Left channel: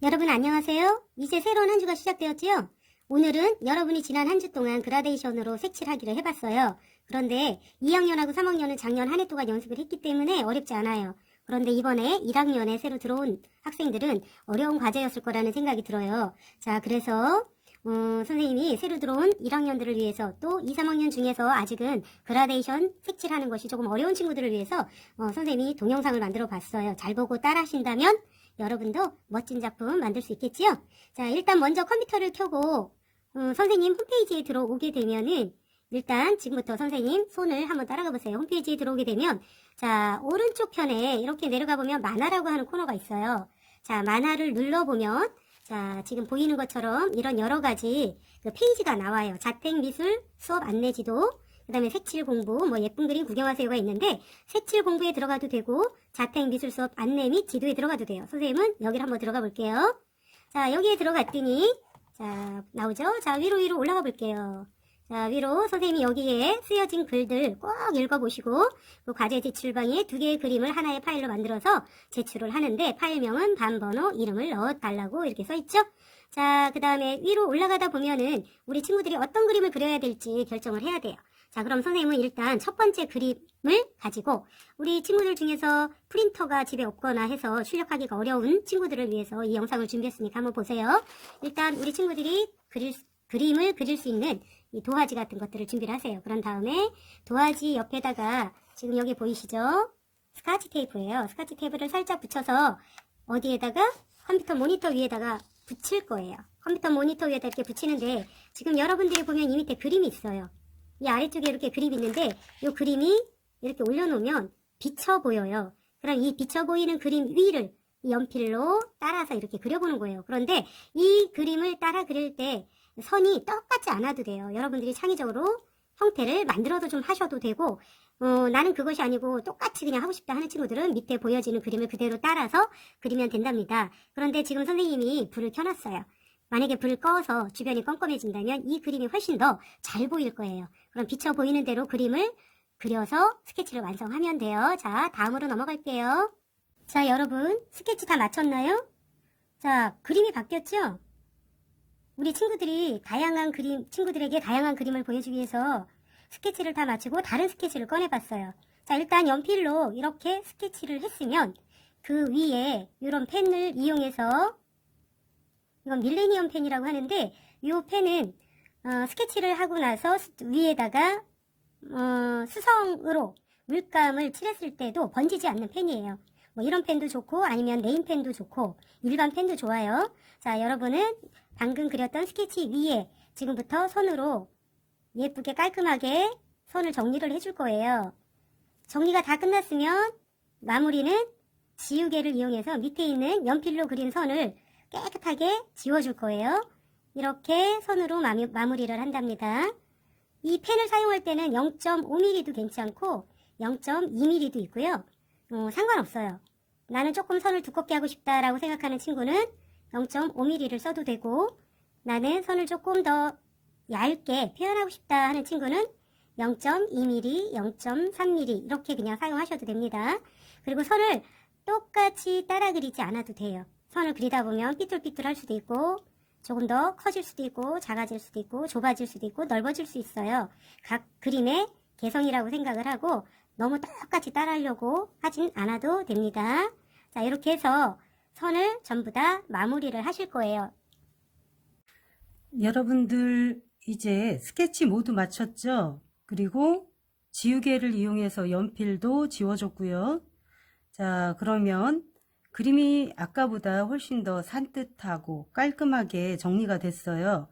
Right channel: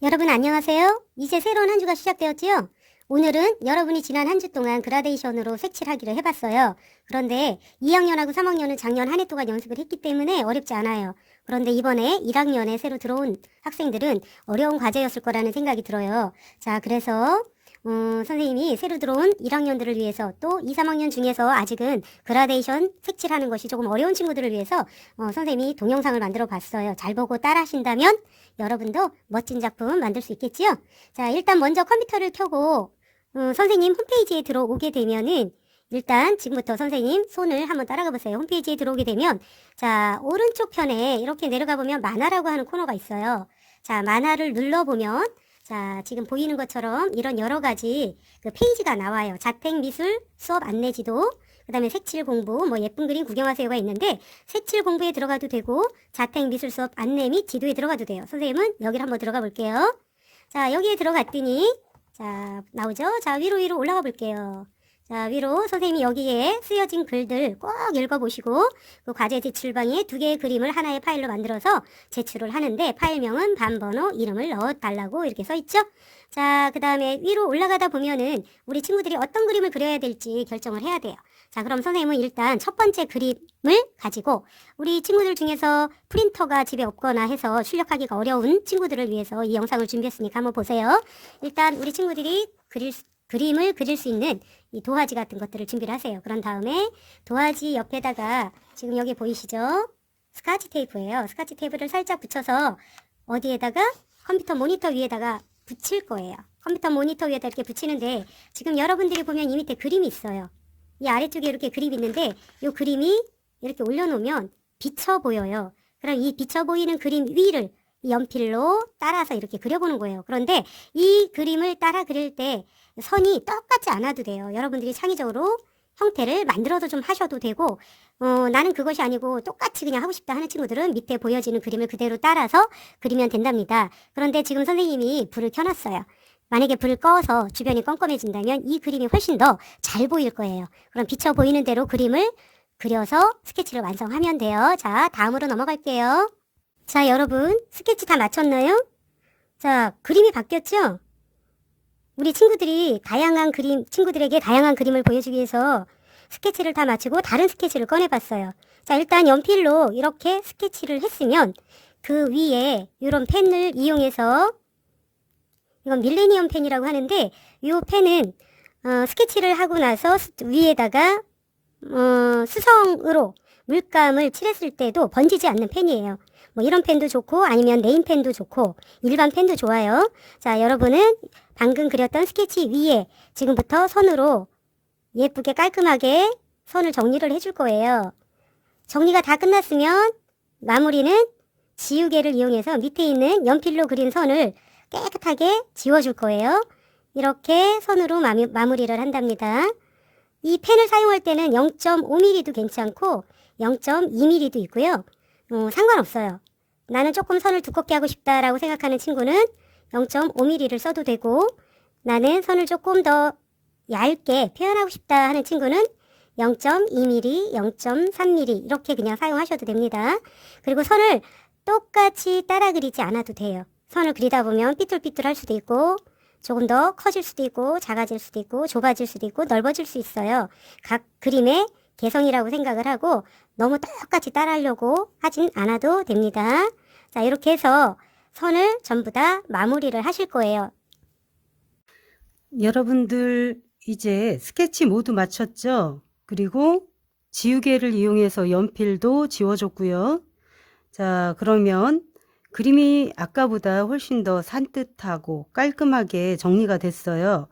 여러분 안녕하세요. 이제 새로운 한 주가 시작되었지요? 오늘은 여러분이 지난 한 주 동안 그라데이션으로 색칠 하기를 해봤어요. 그런데 2학년하고 3학년은 작년 한 해 동안 연습을 했기 때문에 어렵지 않아요. 그런데 이번에 1학년에 새로 들어온 학생들은 어려운 과제였을 거라는 생각이 들어요. 자, 그래서 선생님이 새로 들어온 1학년들을 위해서 또 2, 3학년 중에서 아직은 그라데이션 색칠하는 것이 조금 어려운 친구들을 위해서 선생님이 동영상을 만들어 봤어요. 잘 보고 따라 하신다면 여러분도 멋진 작품 만들 수 있겠지요? 자, 일단 먼저 컴퓨터를 켜고 선생님 홈페이지에 들어오게 되면은 일단 지금부터 선생님 손을 한번 따라가 보세요. 홈페이지에 들어오게 되면 자, 오른쪽 편에 이렇게 내려가 보면 만화라고 하는 코너가 있어요. 자, 만화를 눌러보면 자, 지금 보이는 것처럼 이런 여러 가지 그 페이지가 나와요. 자택미술 수업 안내지도, 그 다음에 색칠 공부, 뭐 예쁜 그림 구경하세요가 있는데 색칠 공부에 들어가도 되고 자택미술 수업 안내 및 지도에 들어가도 돼요. 선생님은 여기를 한번 들어가 볼게요. 자, 여기에 들어갔더니 자, 나오죠? 자, 위로 올라가 볼게요. 자, 위로 선생님이 여기에 쓰여진 글들 꼭 읽어보시고 그 과제 제출방에 두 개의 그림을 하나의 파일로 만들어서 제출을 하는데 파일명은 반번호 이름을 넣어달라고 이렇게 써있죠? 자, 그 다음에 위로 올라가다 보면은 우리 친구들이 어떤 그림을 그려야 될지 결정을 해야 돼요. 자, 그럼 선생님은 일단 첫 번째 그림을 가지고 우리 친구들 중에서 프린터가 집에 없거나 해서 출력하기가 어려운 친구들을 위해서 이 영상을 준비했으니까 한번 보세요. 일단 우리 친구들이 그림을 그릴 수 있는 이 도화지 같은 것들을 준비를 하세요. 그런 다음에 도화지 옆에다가 지금 여기 보이시죠? 스카치 테이프예요. 스카치 테이프를 살짝 붙여서 어디에다가 컴퓨터 모니터 위에다가 붙일 거예요. 컴퓨터 모니터 위에다 이렇게 붙이는데 지금 여러분들이 보면 이 밑에 그림이 있어요. 이 아래쪽에 이렇게 그림이 있는데 이 그림이 이렇게 올려놓으면 비쳐 보여요. 그럼 이 비쳐 보이는 그림 위를 이 연필로 따라서 이렇게 그려보는 거예요. 그런데 이 그림을 따라 그릴 때 선이 똑같지 않아도 돼요. 여러분들이 창의적으로 형태를 만들어서 좀 하셔도 되고 나는 그것이 아니고 똑같이 그냥 하고 싶다 하는 친구들은 밑에 보여지는 그림을 그대로 따라서 그리면 된답니다. 그런데 지금 선생님이 불을 켜놨어요. 만약에 불을 꺼서 주변이 껌껌해진다면 이 그림이 훨씬 더 잘 보일 거예요. 그럼 비쳐 보이는 대로 그림을 그려서 스케치를 완성하면 돼요. 자, 다음으로 넘어갈게요. 자, 여러분 스케치 다 마쳤나요? 자, 그림이 바뀌었죠? 우리 친구들이 친구들에게 다양한 그림을 보여주기 위해서 스케치를 다 마치고 다른 스케치를 꺼내봤어요. 자, 일단 연필로 이렇게 스케치를 했으면 그 위에 이런 펜을 이용해서 이건 밀레니엄 펜이라고 하는데 이 펜은 스케치를 하고 나서 위에다가 수성으로 물감을 칠했을 때도 번지지 않는 펜이에요. 뭐 이런 펜도 좋고 아니면 네임 펜도 좋고 일반 펜도 좋아요. 자, 여러분은 방금 그렸던 스케치 위에 지금부터 손으로 예쁘게 깔끔하게 손을 정리를 해줄 거예요. 정리가 다 끝났으면 마무리는 지우개를 이용해서 밑에 있는 연필로 그린 선을 깨끗하게 지워줄 거예요. 이렇게 손으로 마무리를 한답니다. 이 펜을 사용할 때는 0.5mm도 괜찮고 0.2mm도 있고요. 상관없어요. 나는 조금 선을 두껍게 하고 싶다라고 생각하는 친구는 0.5mm를 써도 되고 나는 선을 조금 더 얇게 표현하고 싶다 하는 친구는 0.2mm, 0.3mm 이렇게 그냥 사용하셔도 됩니다. 그리고 선을 똑같이 따라 그리지 않아도 돼요. 선을 그리다 보면 삐뚤삐뚤할 수도 있고 조금 더 커질 수도 있고 작아질 수도 있고 좁아질 수도 있고 넓어질 수 있어요. 각 그림의 개성이라고 생각을 하고 너무 똑같이 따라하려고 하진 않아도 됩니다. 자, 이렇게 해서 선을 전부 다 마무리를 하실 거예요. 여러분들 이제 스케치 모두 마쳤죠? 그리고 지우개를 이용해서 연필도 지워줬고요. 자, 그러면 그림이 아까보다 훨씬 더 산뜻하고 깔끔하게 정리가 됐어요.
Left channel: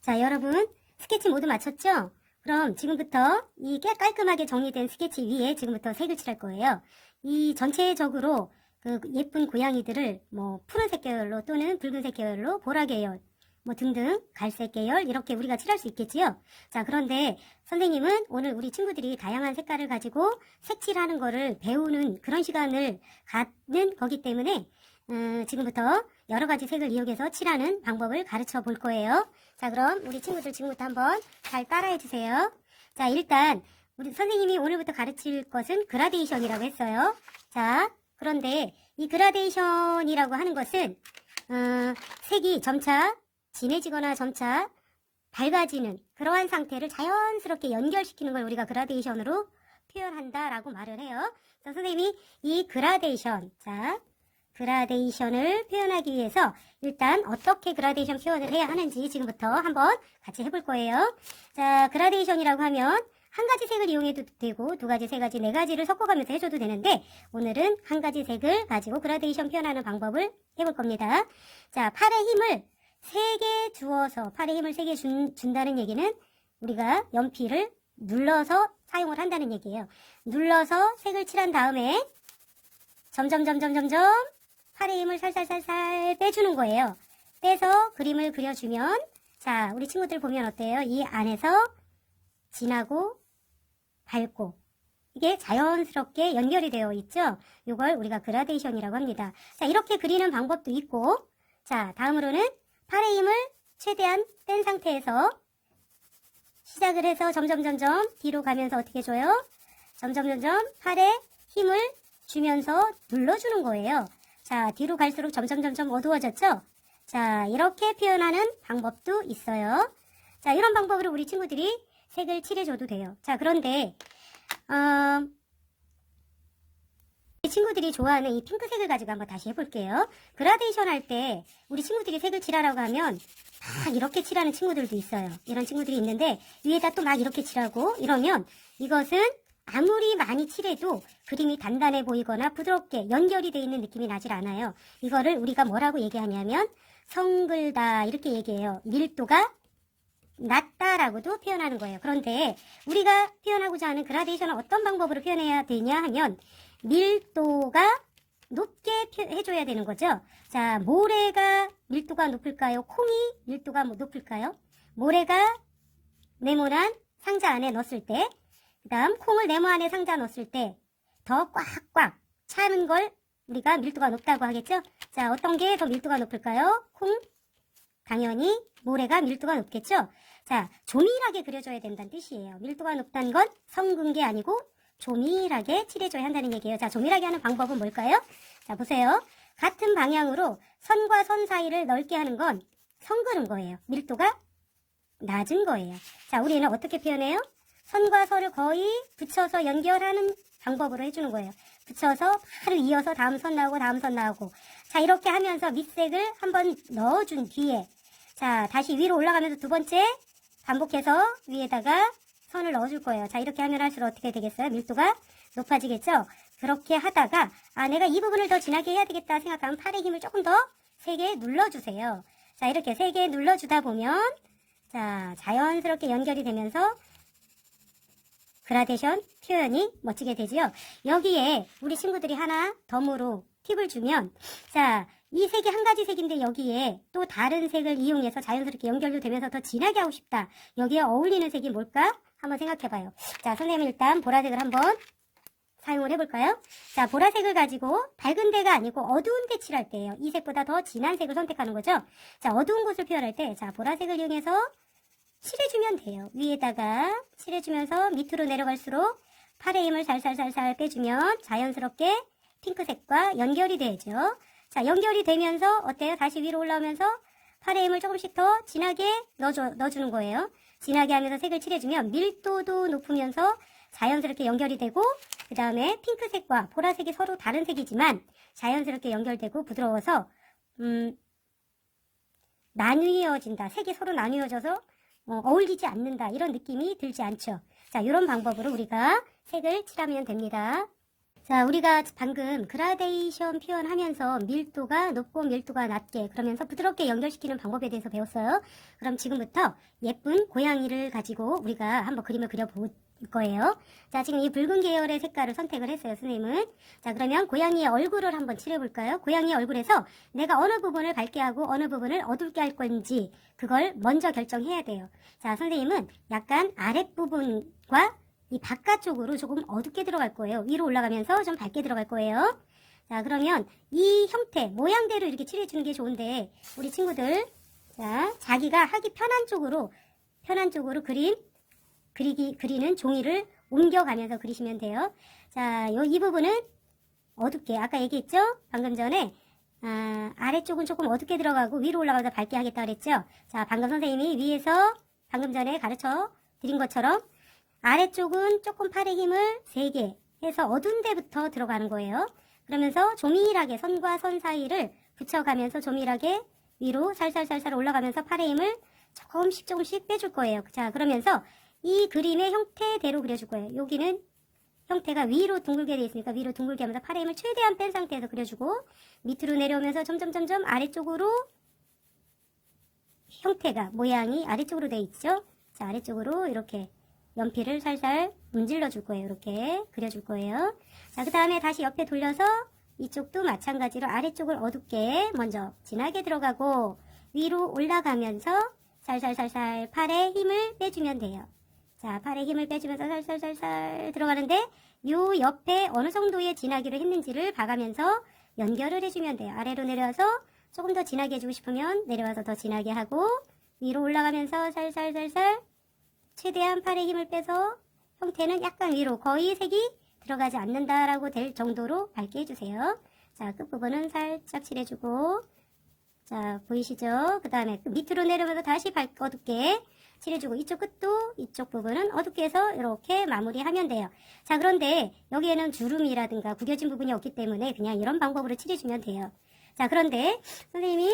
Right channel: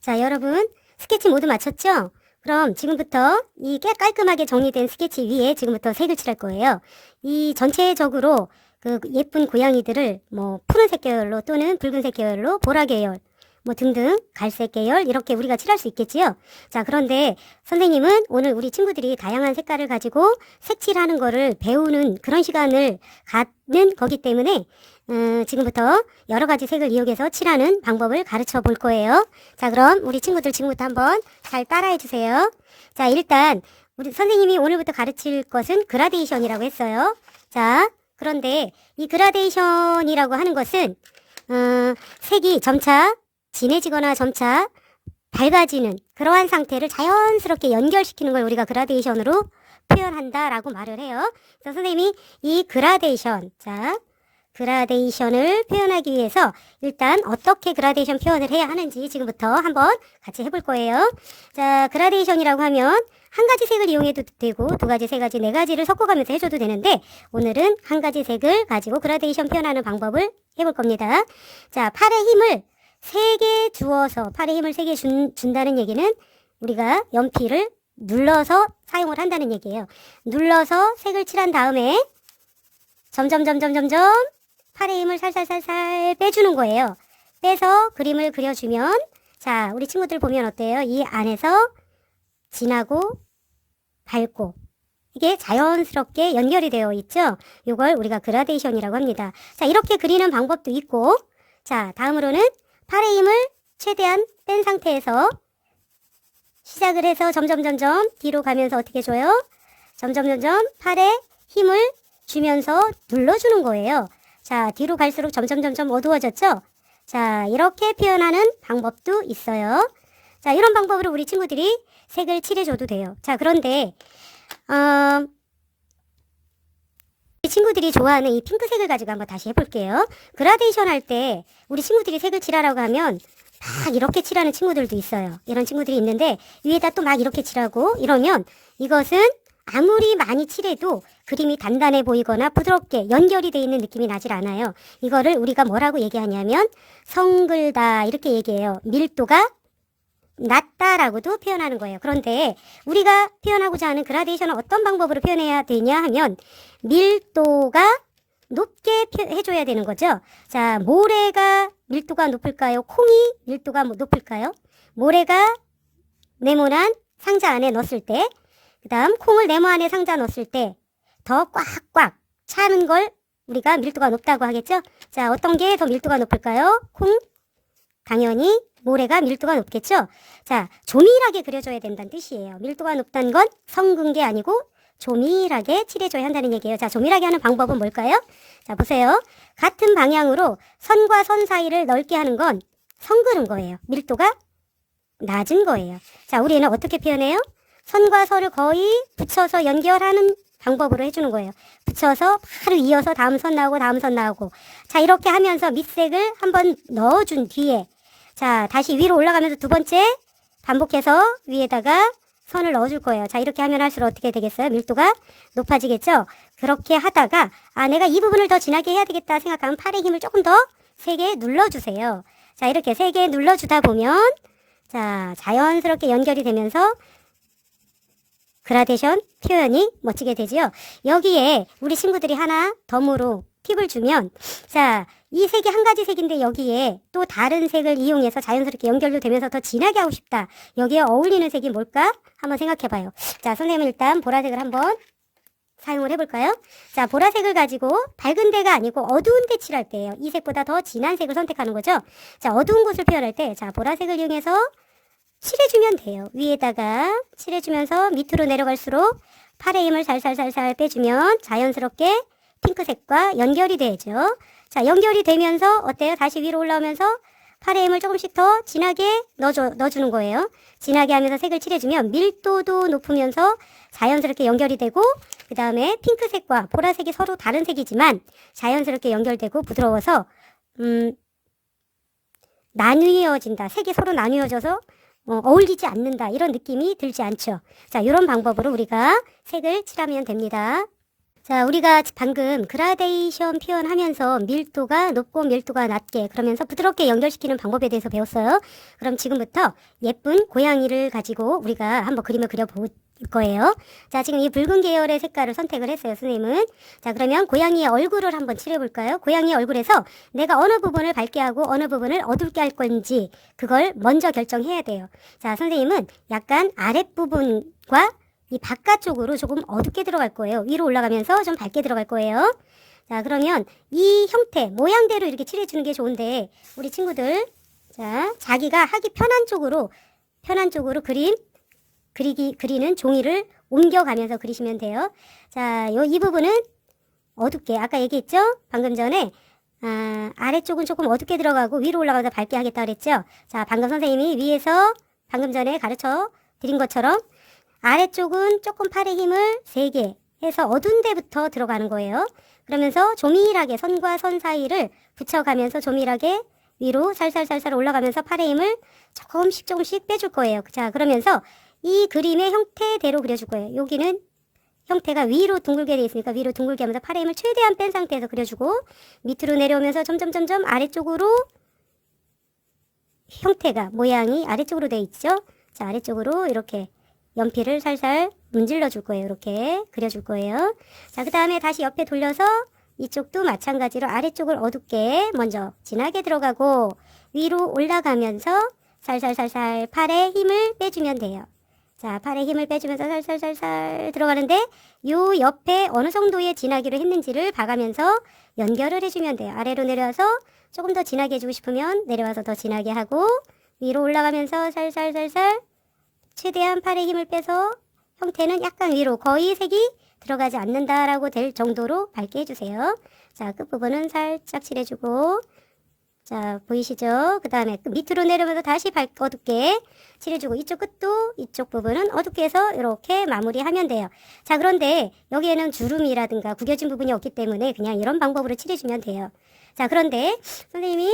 자, 여러분 스케치 모두 마쳤죠? 그럼 지금부터 이 깔끔하게 정리된 스케치 위에 지금부터 색을 칠할 거예요. 이 전체적으로 그 예쁜 고양이들을 뭐 푸른색 계열로 또는 붉은색 계열로 보라 계열 뭐 등등 갈색 계열 이렇게 우리가 칠할 수 있겠지요. 자, 그런데 선생님은 오늘 우리 친구들이 다양한 색깔을 가지고 색칠하는 거를 배우는 그런 시간을 갖는 거기 때문에 지금부터 여러 가지 색을 이용해서 칠하는 방법을 가르쳐 볼 거예요. 자, 그럼 우리 친구들 지금부터 한번 잘 따라해 주세요. 자, 일단 우리 선생님이 오늘부터 가르칠 것은 그라데이션이라고 했어요. 자, 그런데 이 그라데이션이라고 하는 것은 색이 점차 진해지거나 점차 밝아지는 그러한 상태를 자연스럽게 연결시키는 걸 우리가 그라데이션으로 표현한다라고 말을 해요. 그래서 선생님이 이 그라데이션을 표현하기 위해서 일단 어떻게 그라데이션 표현을 해야 하는지 지금부터 한번 같이 해볼 거예요. 자, 그라데이션이라고 하면 한 가지 색을 이용해도 되고 두 가지, 세 가지, 네 가지를 섞어가면서 해줘도 되는데 오늘은 한 가지 색을 가지고 그라데이션 표현하는 방법을 해볼 겁니다. 자, 팔에 힘을 3개 주어서 팔에 힘을 3개 준다는 얘기는 우리가 연필을 눌러서 사용을 한다는 얘기예요. 눌러서 색을 칠한 다음에 점점 팔에 힘을 살살 빼주는 거예요. 빼서 그림을 그려주면 자, 우리 친구들 보면 어때요? 이 안에서 진하고 밝고 이게 자연스럽게 연결이 되어 있죠? 이걸 우리가 그라데이션이라고 합니다. 자, 이렇게 그리는 방법도 있고 자, 다음으로는 팔에 힘을 최대한 뺀 상태에서 시작을 해서 점점 뒤로 가면서 어떻게 줘요? 점점 팔에 힘을 주면서 눌러주는 거예요. 자, 뒤로 갈수록 점점 어두워졌죠? 자, 이렇게 표현하는 방법도 있어요. 자, 이런 방법으로 우리 친구들이 색을 칠해줘도 돼요. 자, 그런데 우리 친구들이 좋아하는 이 핑크색을 가지고 한번 다시 해볼게요. 그라데이션 할 때 우리 친구들이 색을 칠하라고 하면 막 이렇게 칠하는 친구들도 있어요. 이런 친구들이 있는데 위에다 또 막 이렇게 칠하고 이러면 이것은 아무리 많이 칠해도 그림이 단단해 보이거나 부드럽게 연결이 돼 있는 느낌이 나질 않아요. 이거를 우리가 뭐라고 얘기하냐면 성글다 이렇게 얘기해요. 밀도가 낮다라고도 표현하는 거예요. 그런데 우리가 표현하고자 하는 그라데이션은 어떤 방법으로 표현해야 되냐 하면 밀도가 높게 해줘야 되는 거죠. 자, 모래가 밀도가 높을까요? 콩이 밀도가 높을까요? 모래가 네모난 상자 안에 넣었을 때, 그 다음 콩을 네모 안에 상자 넣었을 때 더 꽉꽉 차는 걸 우리가 밀도가 높다고 하겠죠? 자, 어떤 게 더 밀도가 높을까요? 콩? 당연히 모래가 밀도가 높겠죠? 자, 조밀하게 그려줘야 된다는 뜻이에요. 밀도가 높다는 건 성근 게 아니고 조밀하게 칠해줘야 한다는 얘기예요. 자, 조밀하게 하는 방법은 뭘까요? 자, 보세요. 같은 방향으로 선과 선 사이를 넓게 하는 건 성그는 거예요. 밀도가 낮은 거예요. 자, 우리는 어떻게 표현해요? 선과 선을 거의 붙여서 연결하는 방법으로 해주는 거예요. 붙여서 바로 이어서 다음 선 나오고 다음 선 나오고 자, 이렇게 하면서 밑색을 한번 넣어준 뒤에 자, 다시 위로 올라가면서 두 번째 반복해서 위에다가 선을 넣어줄 거예요. 자, 이렇게 하면 할수록 어떻게 되겠어요? 밀도가 높아지겠죠? 그렇게 하다가 아, 내가 이 부분을 더 진하게 해야 되겠다 생각하면 팔의 힘을 조금 더 세게 눌러주세요. 자, 이렇게 세게 눌러주다 보면 자, 자연스럽게 연결이 되면서 그라데이션 표현이 멋지게 되지요. 여기에 우리 친구들이 하나 덤으로 팁을 주면 자, 이 색이 한 가지 색인데 여기에 또 다른 색을 이용해서 자연스럽게 연결도 되면서 더 진하게 하고 싶다. 여기에 어울리는 색이 뭘까? 한번 생각해봐요. 자, 선생님은 일단 보라색을 한번 사용을 해볼까요? 자, 보라색을 가지고 밝은 데가 아니고 어두운 데 칠할 때예요. 이 색보다 더 진한 색을 선택하는 거죠. 자, 어두운 곳을 표현할 때 자, 보라색을 이용해서 칠해주면 돼요. 위에다가 칠해주면서 밑으로 내려갈수록 팔의 힘을 살살 빼주면 자연스럽게 핑크색과 연결이 되죠. 자, 연결이 되면서 어때요? 다시 위로 올라오면서 팔의 힘을 조금씩 더 진하게 넣어주는 거예요. 진하게 하면서 색을 칠해주면 밀도도 높으면서 자연스럽게 연결이 되고 그 다음에 핑크색과 보라색이 서로 다른 색이지만 자연스럽게 연결되고 부드러워서 나뉘어진다. 색이 서로 나뉘어져서 어울리지 않는다. 이런 느낌이 들지 않죠. 자, 이런 방법으로 우리가 색을 칠하면 됩니다. 자, 우리가 방금 그라데이션 표현하면서 밀도가 높고 밀도가 낮게 그러면서 부드럽게 연결시키는 방법에 대해서 배웠어요. 그럼 지금부터 예쁜 고양이를 가지고 우리가 한번 그림을 그려볼 거예요. 자, 지금 이 붉은 계열의 색깔을 선택을 했어요, 선생님은. 자, 그러면 고양이의 얼굴을 한번 칠해볼까요? 고양이의 얼굴에서 내가 어느 부분을 밝게 하고 어느 부분을 어둡게 할 건지 그걸 먼저 결정해야 돼요. 자, 선생님은 약간 아랫부분과 이 바깥쪽으로 조금 어둡게 들어갈 거예요. 위로 올라가면서 좀 밝게 들어갈 거예요. 자, 그러면 이 형태, 모양대로 이렇게 칠해주는 게 좋은데 우리 친구들 자, 자기가 하기 편한 쪽으로 그리는 종이를 옮겨가면서 그리시면 돼요. 자, 이 부분은 어둡게, 아까 얘기했죠? 방금 전에 아래쪽은 조금 어둡게 들어가고 위로 올라가서 밝게 하겠다 그랬죠? 자, 방금 선생님이 위에서 방금 전에 가르쳐 드린 것처럼 아래쪽은 조금 팔의 힘을 세게 해서 어두운 데부터 들어가는 거예요. 그러면서 조밀하게 선과 선 사이를 붙여가면서 조밀하게 위로 살살살살 올라가면서 팔의 힘을 조금씩 빼줄 거예요. 자, 그러면서 이 그림의 형태대로 그려줄 거예요. 여기는 형태가 위로 둥글게 되어 있으니까 위로 둥글게 하면서 팔의 힘을 최대한 뺀 상태에서 그려주고 밑으로 내려오면서 점점 아래쪽으로 형태가 모양이 아래쪽으로 되어 있죠. 자, 아래쪽으로 이렇게 연필을 살살 문질러 줄 거예요. 이렇게 그려줄 거예요. 자, 그 다음에 다시 옆에 돌려서 이쪽도 마찬가지로 아래쪽을 어둡게 먼저 진하게 들어가고 위로 올라가면서 살살살살 팔에 힘을 빼주면 돼요. 자, 팔에 힘을 빼주면서 살살살살 들어가는데 요 옆에 어느 정도의 진하기로 했는지를 봐가면서 연결을 해주면 돼요. 아래로 내려와서 조금 더 진하게 해주고 싶으면 내려와서 더 진하게 하고 위로 올라가면서 살살살살 최대한 팔에 힘을 빼서 형태는 약간 위로 거의 색이 들어가지 않는다라고 될 정도로 밝게 해주세요. 자, 끝부분은 살짝 칠해주고 자, 보이시죠? 그 다음에 밑으로 내려오면서 다시 어둡게 칠해주고 이쪽 끝도 이쪽 부분은 어둡게 해서 이렇게 마무리하면 돼요. 자, 그런데 여기에는 주름이라든가 구겨진 부분이 없기 때문에 그냥 이런 방법으로 칠해주면 돼요. 자, 그런데 선생님이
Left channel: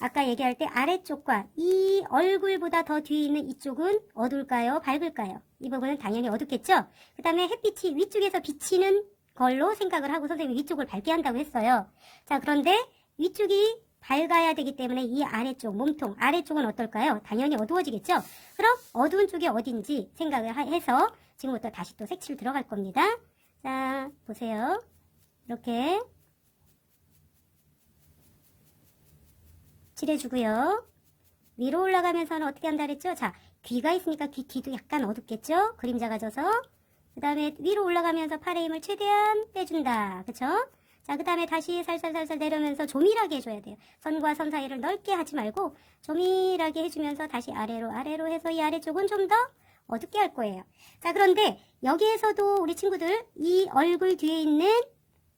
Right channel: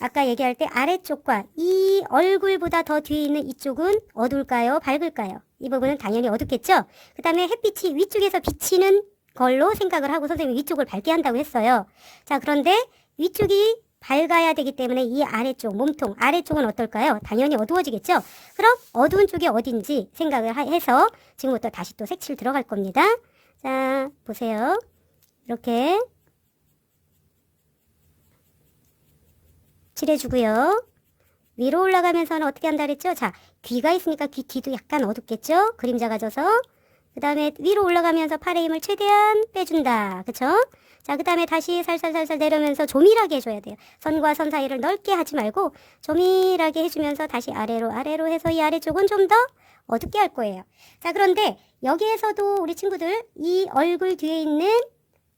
아까 얘기할 때 아래쪽과 이 얼굴보다 더 뒤에 있는 이쪽은 어두울까요? 밝을까요? 이 부분은 당연히 어둡겠죠? 그 다음에 햇빛이 위쪽에서 비치는 걸로 생각을 하고 선생님이 위쪽을 밝게 한다고 했어요. 자, 그런데 위쪽이 밝아야 되기 때문에 이 아래쪽, 몸통 아래쪽은 어떨까요? 당연히 어두워지겠죠? 그럼 어두운 쪽이 어딘지 생각을 해서 지금부터 다시 또 색칠 들어갈 겁니다. 자, 보세요. 이렇게 칠해주고요. 위로 올라가면서는 어떻게 한다 그랬죠? 자, 귀가 있으니까 귀 뒤도 약간 어둡겠죠? 그림자가 져서. 그 다음에 위로 올라가면서 팔의 힘을 최대한 빼준다. 그쵸? 자, 그 다음에 다시 살살살살 내려오면서 조밀하게 해줘야 돼요. 선과 선 사이를 넓게 하지 말고 조밀하게 해주면서 다시 아래로 해서 이 아래쪽은 좀 더 어둡게 할 거예요. 자, 그런데 여기에서도 우리 친구들 이 얼굴 뒤에 있는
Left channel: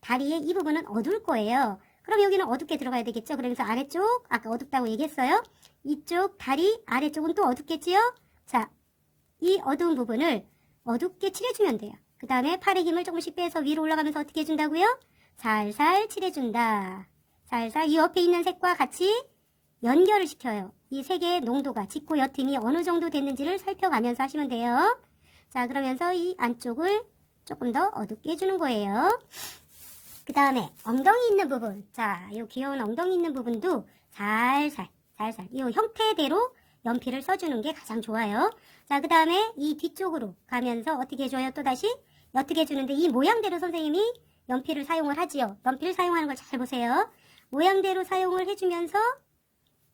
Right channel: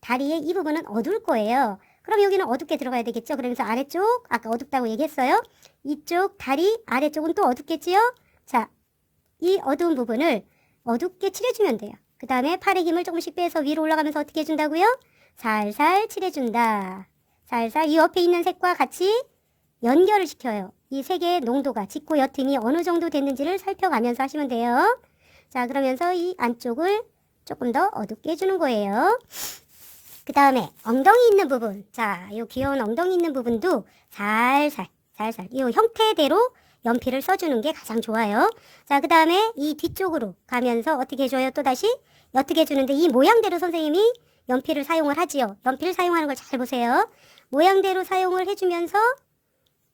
다리의 이 부분은 어두울 거예요. 그럼 여기는 어둡게 들어가야 되겠죠? 그러면서 아래쪽, 아까 어둡다고 얘기했어요. 이쪽 다리 아래쪽은 또 어둡겠지요? 자, 이 어두운 부분을 어둡게 칠해주면 돼요. 그 다음에 팔의 힘을 조금씩 빼서 위로 올라가면서 어떻게 해준다고요? 살살 칠해준다. 살살 이 옆에 있는 색과 같이 연결을 시켜요. 이 색의 농도가 짙고 옅음이 어느 정도 됐는지를 살펴가면서 하시면 돼요. 자, 그러면서 이 안쪽을 조금 더 어둡게 해주는 거예요. 그 다음에 엉덩이 있는 부분. 자, 이 귀여운 엉덩이 있는 부분도 살살 이 형태대로 연필을 써주는 게 가장 좋아요. 자, 그 다음에 이 뒤쪽으로 가면서 어떻게 해줘요? 또다시 어떻게 해주는데 이 모양대로 선생님이 연필을 사용을 하지요. 연필을 사용하는 걸 잘 보세요. 모양대로 사용을 해주면서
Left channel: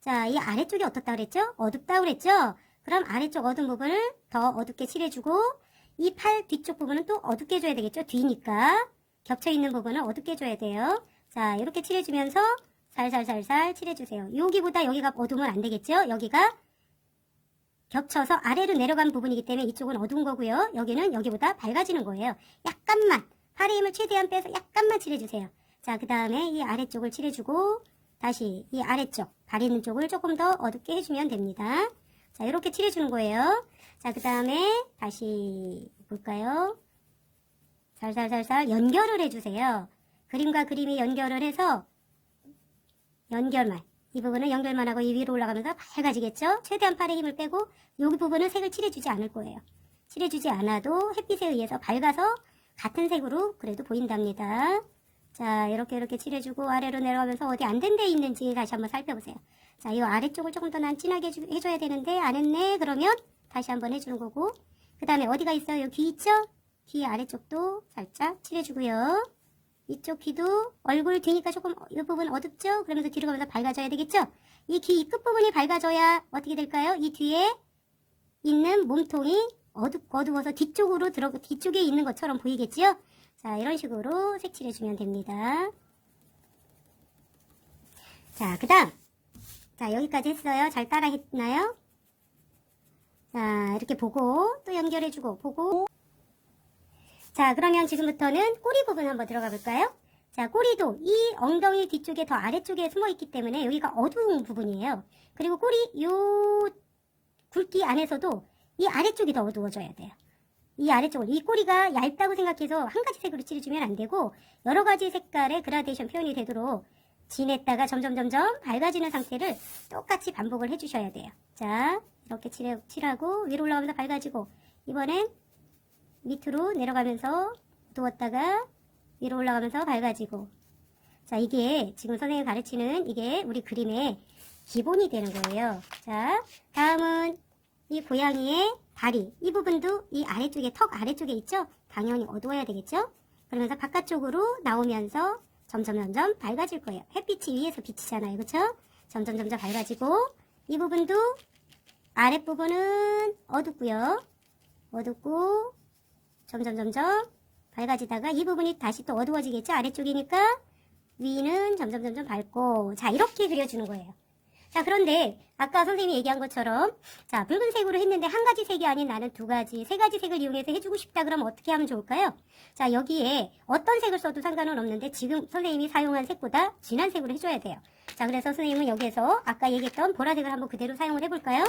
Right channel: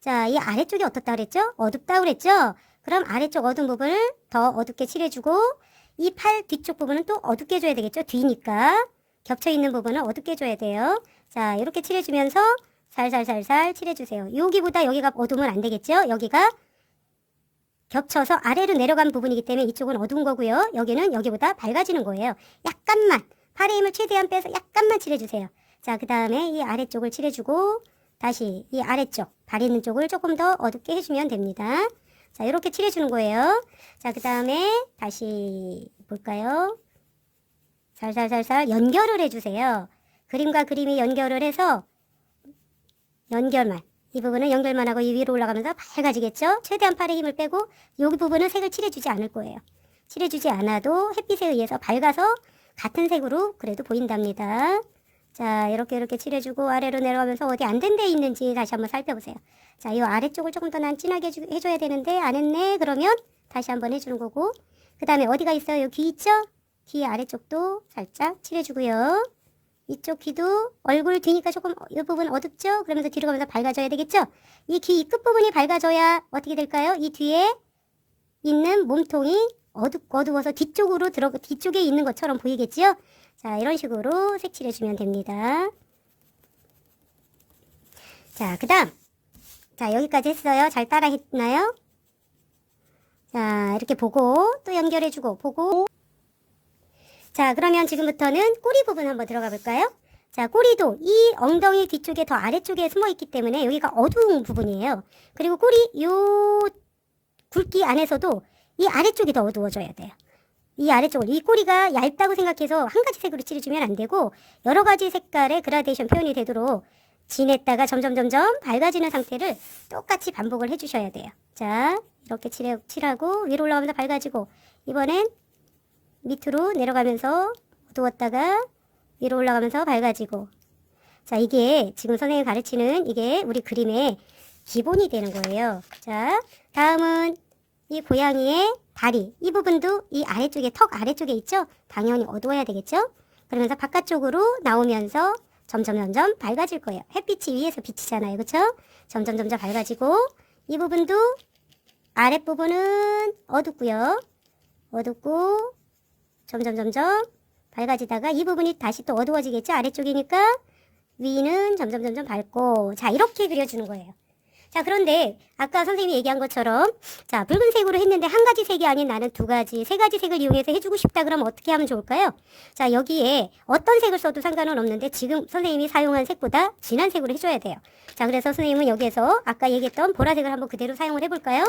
자, 이 아래쪽이 어떻다 그랬죠? 어둡다 그랬죠? 그럼 아래쪽 어두운 부분을 더 어둡게 칠해주고 이 팔 뒤쪽 부분은 또 어둡게 해줘야 되겠죠? 뒤니까 겹쳐있는 부분을 어둡게 해줘야 돼요. 자, 이렇게 칠해주면서 살살살살 칠해주세요. 여기보다 여기가 어두우면 안 되겠죠? 여기가 겹쳐서 아래로 내려간 부분이기 때문에 이쪽은 어두운 거고요. 여기는 여기보다 밝아지는 거예요. 약간만 팔의 힘을 최대한 빼서 약간만 칠해주세요. 자, 그 다음에 이 아래쪽을 칠해주고 다시 이 아래쪽 발 있는 쪽을 조금 더 어둡게 해주면 됩니다. 자, 이렇게 칠해주는 거예요. 자, 그 다음에 다시 볼까요? 살살살살 연결을 해주세요. 그림과 그림이 연결을 해서 연결만 이 부분은 연결만 하고 이 위로 올라가면서 밝아지겠죠? 최대한 팔의 힘을 빼고 여기 부분은 색을 칠해주지 않을 거예요. 칠해주지 않아도 햇빛에 의해서 밝아서 같은 색으로 그래도 보인답니다. 자, 이렇게 칠해주고 아래로 내려가면서 어디 안 된 데 있는지 다시 한번 살펴보세요. 자, 이 아래쪽을 조금 더 난 진하게 해줘야 되는데 안 했네? 그러면 다시 한번 해주는 거고 그 다음에 어디가 있어요? 여기 귀 있죠? 귀 아래쪽도 살짝 칠해주고요. 이쪽 귀도 얼굴 뒤니까 조금 이 부분 어둡죠? 그러면서 뒤로 가면서 밝아져야 되겠죠? 이 귀 끝부분이 밝아져야 어떻게 될까요? 이 뒤에 있는 몸통이 어두워서 뒤쪽에 있는 것처럼 보이겠지요? 자, 이런 식으로 색칠해주면 됩니다. 자, 그 다음. 자, 여기까지 했어요. 잘 따라 했나요? 자, 이렇게 보고 또 연결해주고 보고 자, 그러면 지금부터는 꼬리 부분 한번 들어가 볼까요? 자, 꼬리도 이 엉덩이 뒤쪽에 더 아래쪽에 숨어 있기 때문에 여기가 어두운 부분이에요. 그리고 꼬리 요 굵기 안에서도 이 아래쪽이 더 어두워져야 돼요. 이 아래쪽을, 이 꼬리가 얇다고 생각해서 한 가지 색으로 칠해주면 안 되고 여러 가지 색깔의 그라데이션 표현이 되도록 진했다가 점점 밝아지는 상태를 똑같이 반복을 해주셔야 돼요. 자, 이렇게 칠하고 위로 올라가면서 밝아지고, 이번엔 밑으로 내려가면서 어두웠다가 위로 올라가면서 밝아지고. 자, 이게 지금 선생님이 가르치는 이게 우리 그림의 기본이 되는 거예요. 자, 다음은 이 고양이의 다리, 이 부분도 이 아래쪽에, 턱 아래쪽에 있죠? 당연히 어두워야 되겠죠? 그러면서 바깥쪽으로 나오면서 점점 밝아질 거예요. 햇빛이 위에서 비치잖아요. 그쵸? 점점 밝아지고, 이 부분도 아랫부분은 어둡고요. 어둡고 점점 밝아지다가 이 부분이 다시 또 어두워지겠죠? 아래쪽이니까 위는 점점 밝고. 자, 이렇게 그려주는 거예요. 자, 그런데 아까 선생님이 얘기한 것처럼 자, 붉은색으로 했는데 한 가지 색이 아닌 나는 두 가지, 세 가지 색을 이용해서 해주고 싶다 그러면 어떻게 하면 좋을까요? 자, 여기에 어떤 색을 써도 상관은 없는데 지금 선생님이 사용한 색보다 진한 색으로 해줘야 돼요. 자, 그래서 선생님은 여기에서 아까 얘기했던 보라색을 한번 그대로 사용을 해볼까요?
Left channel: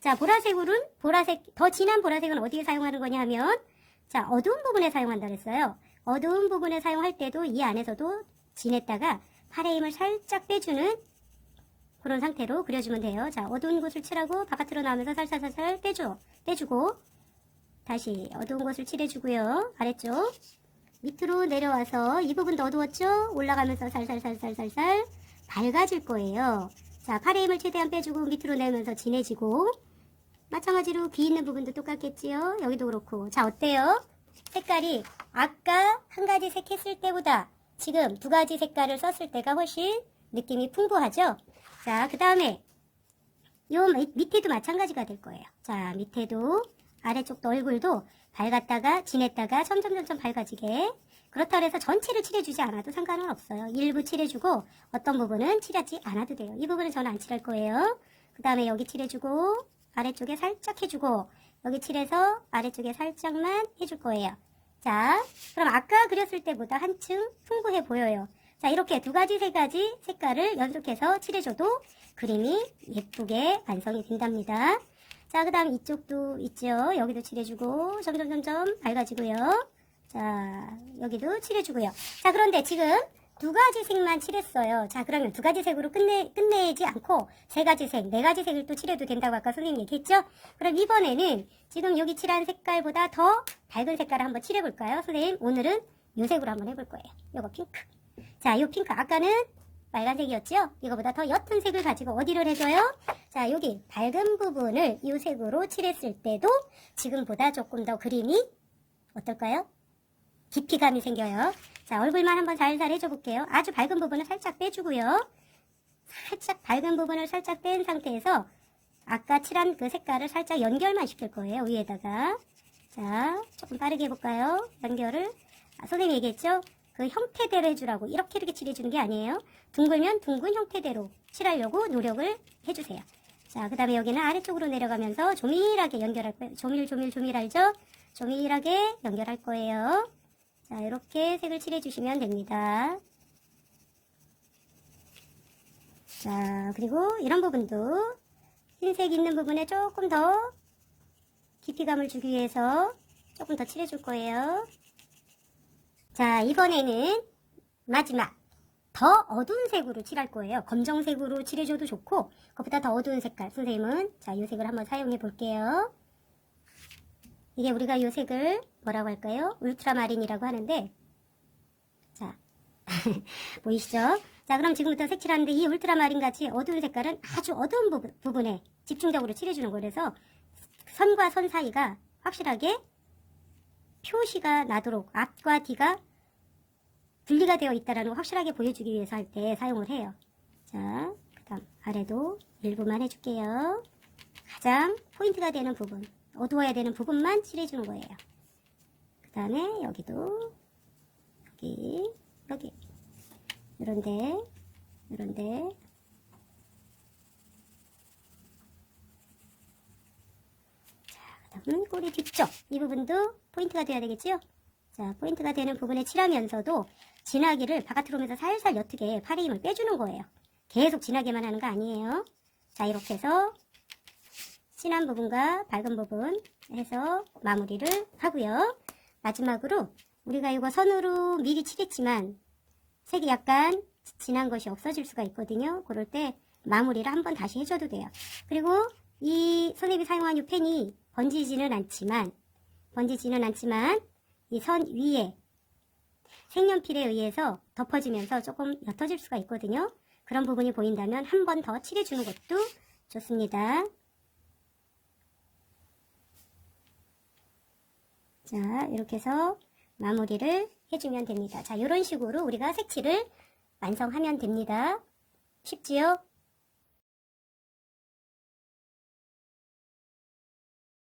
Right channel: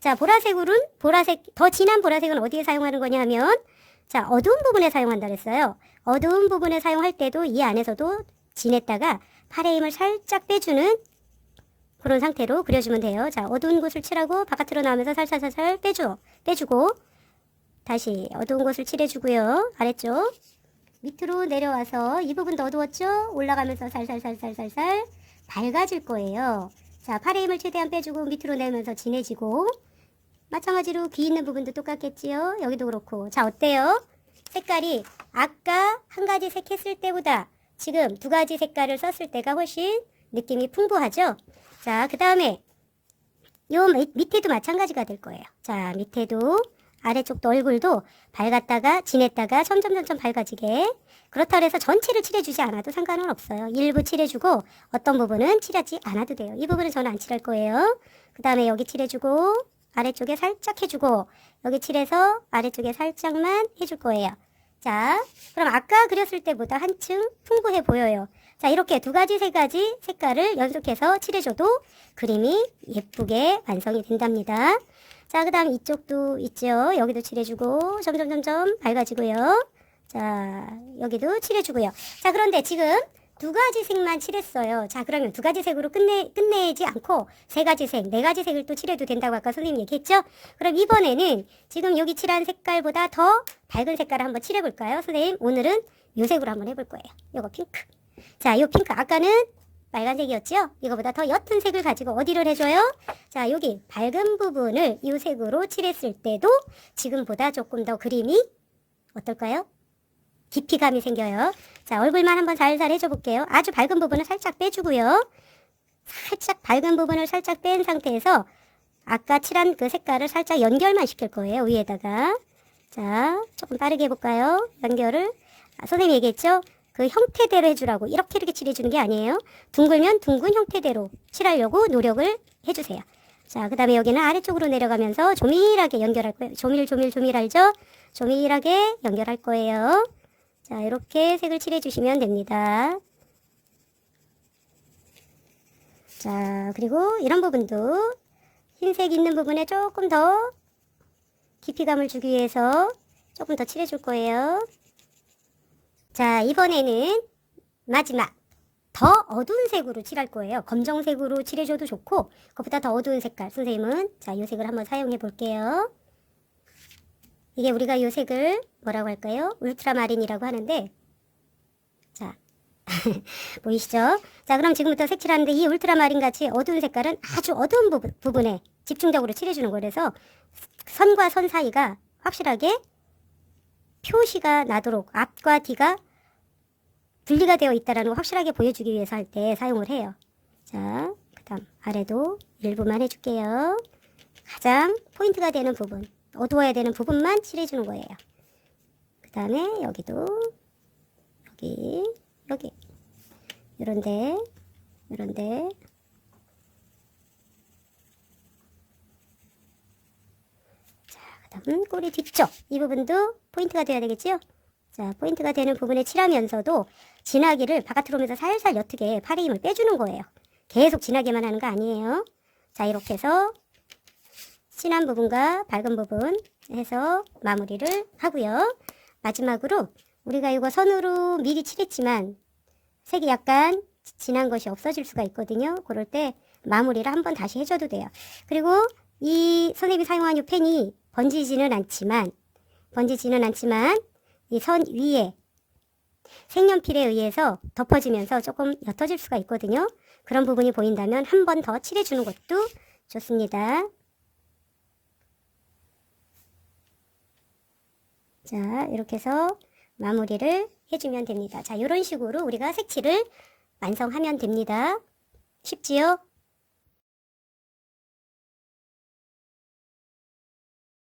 자, 보라색, 더 진한 보라색은 어디에 사용하는 거냐 하면 자, 어두운 부분에 사용한다 그랬어요. 어두운 부분에 사용할 때도 이 안에서도 진했다가 팔의 힘을 살짝 빼주는 그런 상태로 그려주면 돼요. 자, 어두운 곳을 칠하고 바깥으로 나오면서 살살 빼주고 다시 어두운 곳을 칠해주고요. 아래쪽 밑으로 내려와서 이 부분도 어두웠죠? 올라가면서 살살 밝아질 거예요. 자, 팔의 힘을 최대한 빼주고 밑으로 내면서 진해지고, 마찬가지로 귀 있는 부분도 똑같겠지요? 여기도 그렇고. 자, 어때요? 색깔이 아까 한 가지 색 했을 때보다 지금 두 가지 색깔을 썼을 때가 훨씬 느낌이 풍부하죠? 자, 그 다음에 요 밑에도 마찬가지가 될 거예요. 자, 밑에도 아래쪽도 얼굴도 밝았다가 진했다가 점점 밝아지게. 그렇다고 해서 전체를 칠해주지 않아도 상관은 없어요. 일부 칠해주고 어떤 부분은 칠하지 않아도 돼요. 이 부분은 저는 안 칠할 거예요. 그 다음에 여기 칠해주고 아래쪽에 살짝 해주고 여기 칠해서 아래쪽에 살짝만 해줄 거예요. 자, 그럼 아까 그렸을 때보다 한층 풍부해 보여요. 자, 이렇게 두 가지, 세 가지 색깔을 연속해서 칠해줘도 그림이 예쁘게 완성이 된답니다. 자, 그 다음 이쪽도 있죠. 여기도 칠해주고 점점 밝아지고요. 자, 여기도 칠해주고요. 자, 그런데 지금 두 가지 색만 칠했어요. 자, 그러면 두 가지 색으로 끝내지 않고 세 가지 색, 네 가지 색을 또 칠해도 된다고 아까 선생님 얘기했죠? 그럼 이번에는 지금 여기 칠한 색깔보다 더 밝은 색깔을 한번 칠해볼까요? 선생님, 오늘은 이 색으로 한번 해볼 거예요. 요거 핑크. 자, 이 핑크. 아까는 빨간색이었죠? 이거보다 더 옅은 색을 가지고 어디를 해줘요? 자, 여기 밝은 부분을 이 색으로 칠했을 때도 지금보다 조금 더 그림이 어떨까요? 깊이감이 생겨요. 자, 얼굴만 한번 살살 해줘 볼게요. 아주 밝은 부분을 살짝 빼주고요. 살짝 밝은 부분을 살짝 뺀 상태에서 아까 칠한 그 색깔을 살짝 연결만 시킬 거예요. 위에다가. 자, 조금 빠르게 해볼까요? 연결을. 선생님이 얘기했죠? 그 형태대로 해주라고. 이렇게 칠해주는 게 아니에요. 둥글면 둥근 형태대로 칠하려고 노력을 해주세요. 자, 그 다음에 여기는 아래쪽으로 내려가면서 조밀하게 연결할 거예요. 조밀 알죠? 조밀하게 연결할 거예요. 자, 이렇게 색을 칠해주시면 됩니다. 자, 그리고 이런 부분도 흰색 있는 부분에 조금 더 깊이감을 주기 위해서 조금 더 칠해줄 거예요. 자, 이번에는 마지막 더 어두운 색으로 칠할 거예요. 검정색으로 칠해줘도 좋고 그것보다 더 어두운 색깔. 선생님은 자, 이 색을 한번 사용해 볼게요. 이게 우리가 이 색을 뭐라고 할까요? 울트라마린이라고 하는데, 자, 보이시죠? 자, 그럼 지금부터 색칠하는데 이 울트라마린 같이 어두운 색깔은 아주 어두운 부분에 집중적으로 칠해주는 거예요. 그래서 선과 선 사이가 확실하게 표시가 나도록 앞과 뒤가 분리가 되어 있다는 걸 확실하게 보여주기 위해서 할 때 사용을 해요. 자, 그 다음 아래도 일부만 해줄게요. 가장 포인트가 되는 부분, 어두워야 되는 부분만 칠해주는 거예요. 그 다음에 여기도 여기 요런데 자, 그 다음 꼬리 뒤쪽 이 부분도 포인트가 돼야 되겠죠? 자, 포인트가 되는 부분에 칠하면서도 진하기를 바깥으로 오면서 살살 옅게 팔의 힘을 빼주는 거예요. 계속 진하게만 하는 거 아니에요. 자, 이렇게 해서 진한 부분과 밝은 부분 해서 마무리를 하고요. 마지막으로 우리가 이거 선으로 미리 칠했지만 색이 약간 진한 것이 없어질 수가 있거든요. 그럴 때 마무리를 한번 다시 해줘도 돼요. 그리고 이 선생님이 사용한 이 펜이 번지지는 않지만 이 선 위에 색연필에 의해서 덮어지면서 조금 옅어질 수가 있거든요. 그런 부분이 보인다면 한 번 더 칠해주는 것도 좋습니다. 자, 이렇게 해서 마무리를 해주면 됩니다. 자, 이런 식으로 우리가 색칠을 완성하면 됩니다. 쉽지요?